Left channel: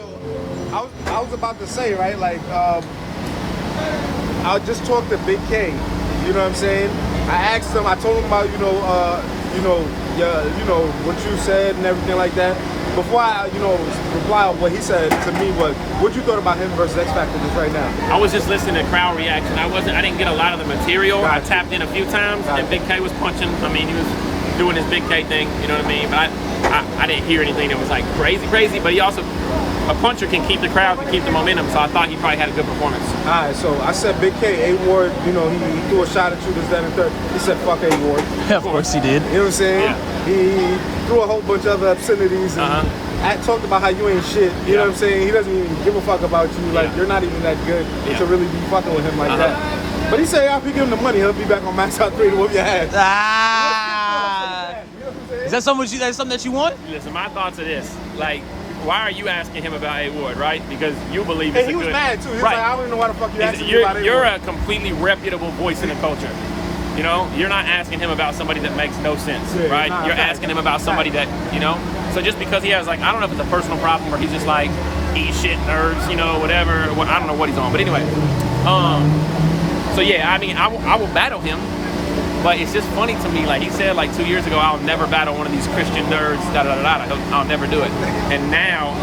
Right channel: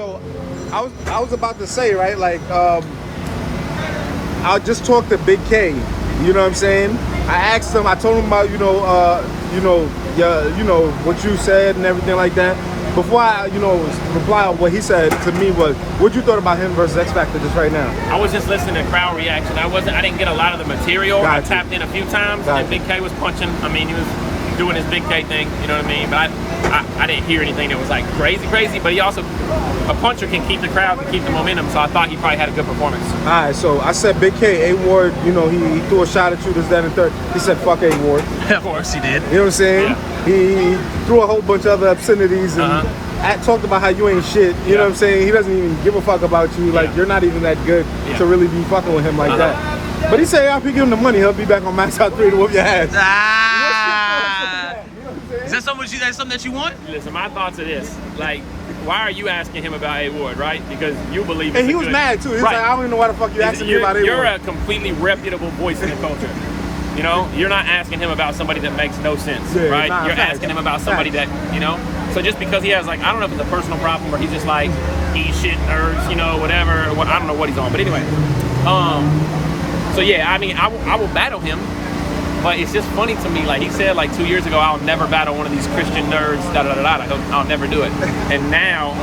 So I was about to say, right, like I just talked to Big K. You know what I'm saying? I asked him. I told him about what you said and everything like that. Before I reply, what he said to me was, what you thought about him versus X Factor just right now? I was just listening to crowd reaction. I didn't get a lot of the material. Got I you. tapped in a few times, and Big K was punching. I mean, he was doing his Big K thing. You know what I mean? But I didn't hear anything that was like crazy. But he also, a puncher can keep the crowd, can keep the momentum. So I thought he probably had a good performance. All right, so I said Big K, A Ward, he threw a shot at you, this, that, and third. He said, fuck A Ward. Of course he did. You know what I'm saying? Yeah. He threw a whole bunch of other obscenities and talked about how you ain't shit. You know what I'm saying? He doesn't even give a fuck about you. Like, you're not even that good to really be fucking with him like that. But he said, if you give him the money, he'll be back on Max Out 3 to whoop your ass. Is that something that you want? Listen, my thoughts are this. Like, why are you asking him about A Ward, right? Because you believe it's and a good... he was mad, too. He was right. like, I don't even know why the fuck you asking me about A Ward. You're a completely reputable voice in the culture. You know? You're not asking him about somebody that makes no sense, right? You're asking him about somebody that, So just because he has, like, I don't know if it's a personal problem or he's just like, eat shit, nerds, whatever. I don't know what he's on. But anyway. So, yeah, I mean, I will battle him. But it's just funny to me, like he said like 2 years ago, I'll never battle one of these Christian nerds, I'll never do it. And now,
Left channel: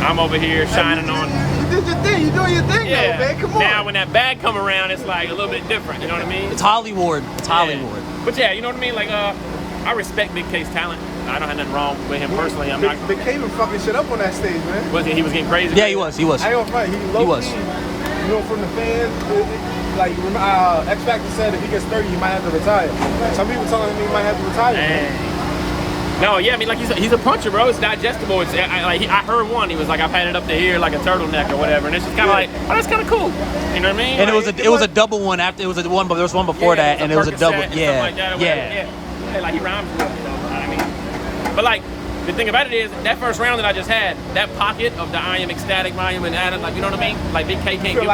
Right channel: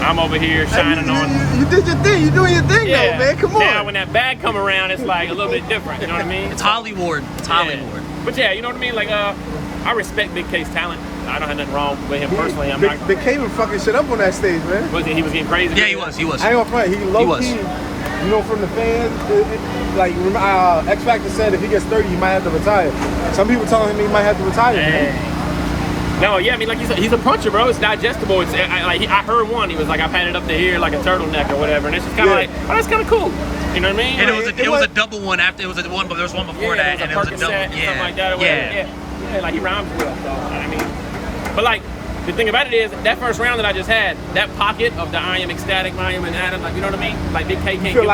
I'm over here shining on... You did your thing, you're doing your thing, yeah. though, man, come on. Now when that bag come around, it's like a little bit different, you know what I mean? It's Hollywood. It's Hollywood. But yeah, you know what I mean? Like, I respect Big K's talent. I don't have nothing wrong with him personally. I'm not... Big K was fucking shit up on that stage, man. Was he was getting crazy? Yeah, he was. I ain't gonna front, he low-key, from the fans, like X Factor said if he gets 30, he might have to retire. Some people telling him he might have to retire. Dang. No, yeah, I mean, like he's a puncher, bro. It's digestible. It's I heard one. He was like, I've had it up to here like a turtleneck or whatever, and it's just kind of like, oh, that's kind of cool. You know what I mean? And like, it was a double one after. It was a one, but there was one before that, and it was a double. And something like that or whatever. Yeah, like he rhymes well. So I mean, but like. The thing about it is, that first round that I just had, that pocket of the I am ecstatic, I am and Adam, like, you know what I mean? Like, Big K can't give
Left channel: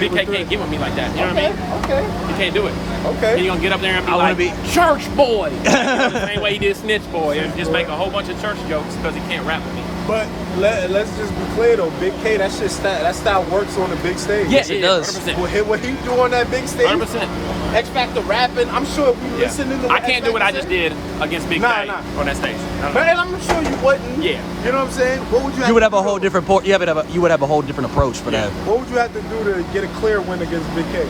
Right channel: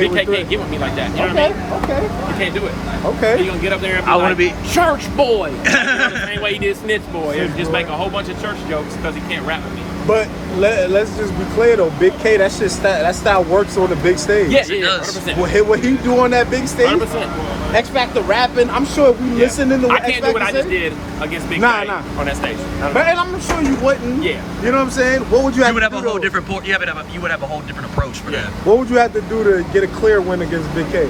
Big K can't give it me like that. You know what I mean? Okay. He can't do it. Okay. He gonna get up there and be like, church boy. Like, the same way he did Snitch Boy, and just make a whole bunch of church jokes because he can't rap with me. But let's just be clear though, Big K, that style works on the big stage. Yes, it does. 100%. What he do on that big stage, 100%. X Factor rapping, I'm sure if we listening to I can't do what I just did against Big K on that stage. And I'm sure you wouldn't. Yeah. You know what I'm saying? What would you have You would to have do a whole different you would have a whole different approach for that. What would you have to do to get a clear win against Big K?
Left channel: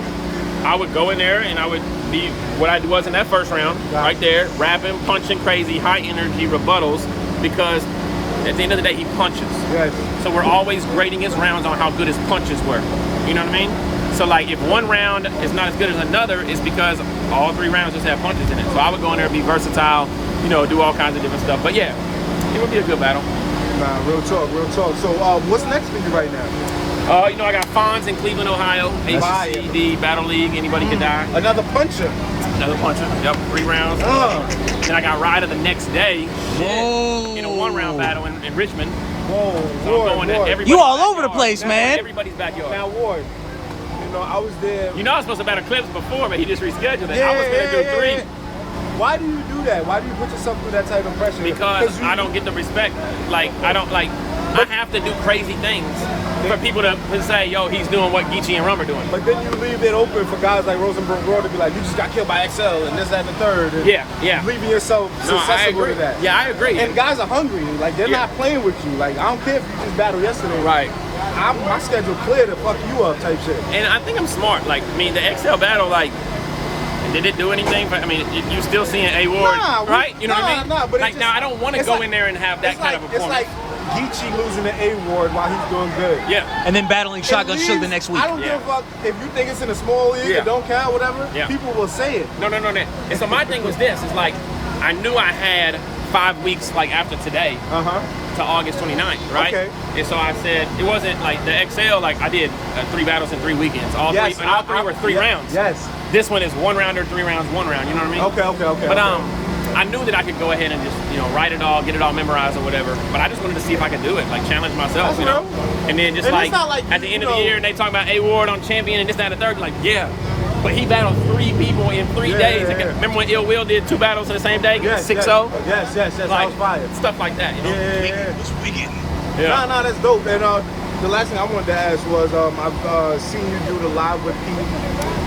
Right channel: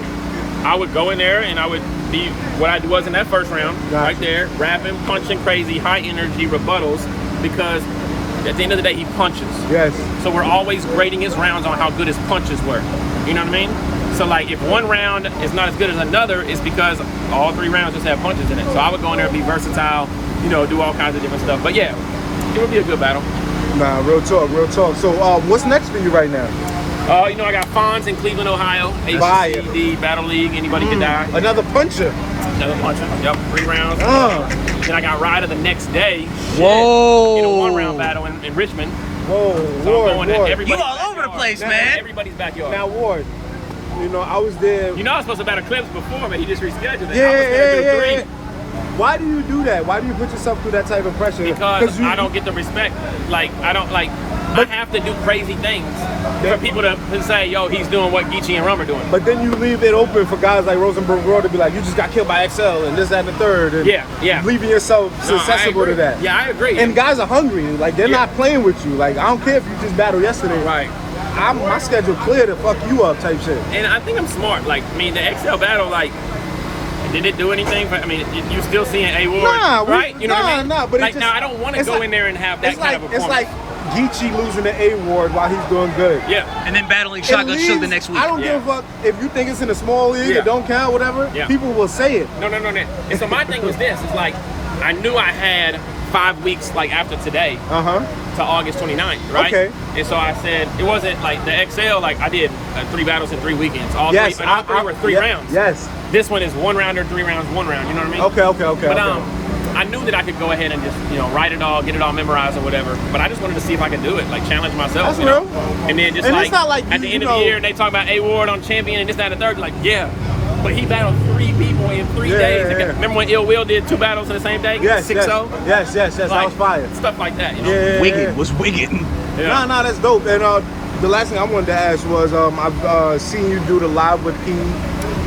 I would go in there and I would be what I was in that first round, right there, rapping, punching crazy, high energy rebuttals, because at the end of the day, he punches. Yes. So we're always grading his rounds on how good his punches were. You know what I mean? So like if one round is not as good as another, it's because all 3 rounds just have punches in it. So I would go in there and be versatile, do all kinds of different stuff. But yeah, it would be a good battle. Nah, real talk. So what's next for you right now? I got Fonz in Cleveland, Ohio. ACD Battle League, anybody can die. Another puncher. Yep, 3 rounds. Then I got Ryder the next day. Whoa. In a 1-round battle in Richmond. Whoa. So I'm going to everybody's You all over the place, man. Everybody's backyard. Now, Ward, I was there. I was supposed to battle Clips before, but he just rescheduled it. I was going to do 3. Why do you do that? Why do you put yourself through that type of pressure? Because I don't get the respect. Like, I have to do crazy things for people to say, yo, he's doing what Geechee and Rum are doing. But then you leave it open for guys like Rosenberg Road to be like, you just got killed by XL and this, that, and the third. And yeah. Leaving yourself susceptible to that. Yeah, I agree. And guys are hungry. Like, they're not playing with you. Like, I don't care if you just battled yesterday. Right. My schedule clear to fuck you up type shit. And I think I'm smart. Like, I mean, the XL battle, like, did it do anything? You still seeing A Ward, right? You know what I mean? But like, now I don't want to go in there and have that kind of performance. It's like Geechee losing the A Ward while he's doing good. Yeah. And then battling Shotgun Suge the next week. I don't give a fuck if you think it's in a small league or don't count, whatever. Yeah. People will say it. No. And so my thing was this: is like, I knew I had 5 weeks like after today. To August 29th, right? Okay. And so I said, it wasn't like the XL, like I did 3 battles in 3 weekends. All 3, and all 3 were 3 rounds. Yes. This one is 1 rounder, 3 rounds, 1 round, you know what I mean? Okay. But I knew that I could go ahead and just, write it all, get it all memorized or whatever. But I just wanted to see if I could do it, like challenge myself, you know? And then just like at the end of the year, and they talk about A Ward on champion and this, that, and the third, like, yeah. But he battled 3 people in 3 days. Yeah. Remember when Ill Will did 2 battles in the same day? Yes, 6-0? Yes. Like, That was fire. stuff like that, you know? Wicked was wicked. Yeah. No, that's dope. And the last thing I wanted to ask was, I've seen you do the live with Pete.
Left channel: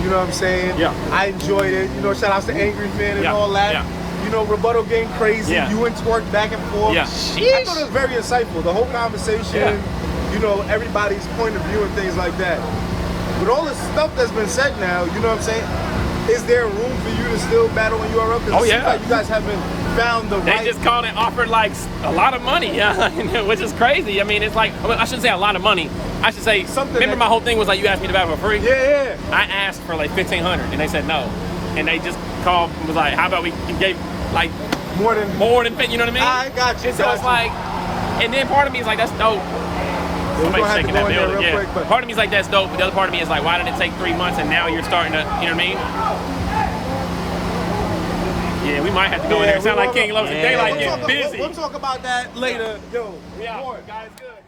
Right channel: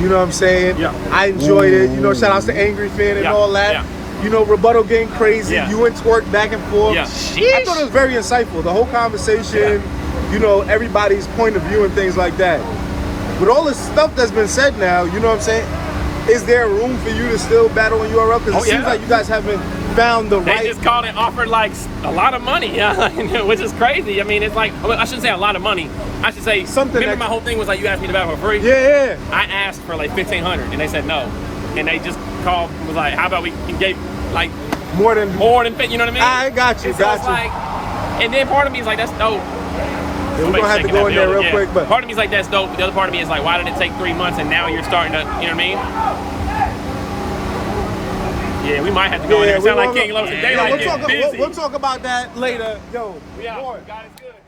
You know what I'm saying? Yeah. I enjoyed it. You know, shout outs to Angry Fan and all that. Yeah. You know, rebuttal getting crazy. Yeah. You and Twerk back and forth. Yeah. I thought it was very insightful. The whole conversation, you know, everybody's point of view and things like that. With all the stuff that's been said now, you know what I'm saying? Is there room for you to still battle in Europe? It seems like you guys haven't found the They right... just called and offered like a lot of money, which is crazy. I mean, it's like, I shouldn't say a lot of money. I should say, Something remember that- my whole thing was like, you asked me to battle for free? Yeah. I asked for like $1,500 and they said no. And they just called and was like, how about we gave like More than... you know what I mean? I got you, And so it's like, and then part of me is like, that's dope. Somebody's shaking that building, yeah. Quick, part of me is like, that's dope, but the other part of me is like, why did it take 3 months and now you're starting to, you know what I mean? Yeah, we might have to go in there. It sound like King Loves and Daylight getting busy. We'll talk about that later. Yo, We out. God is good.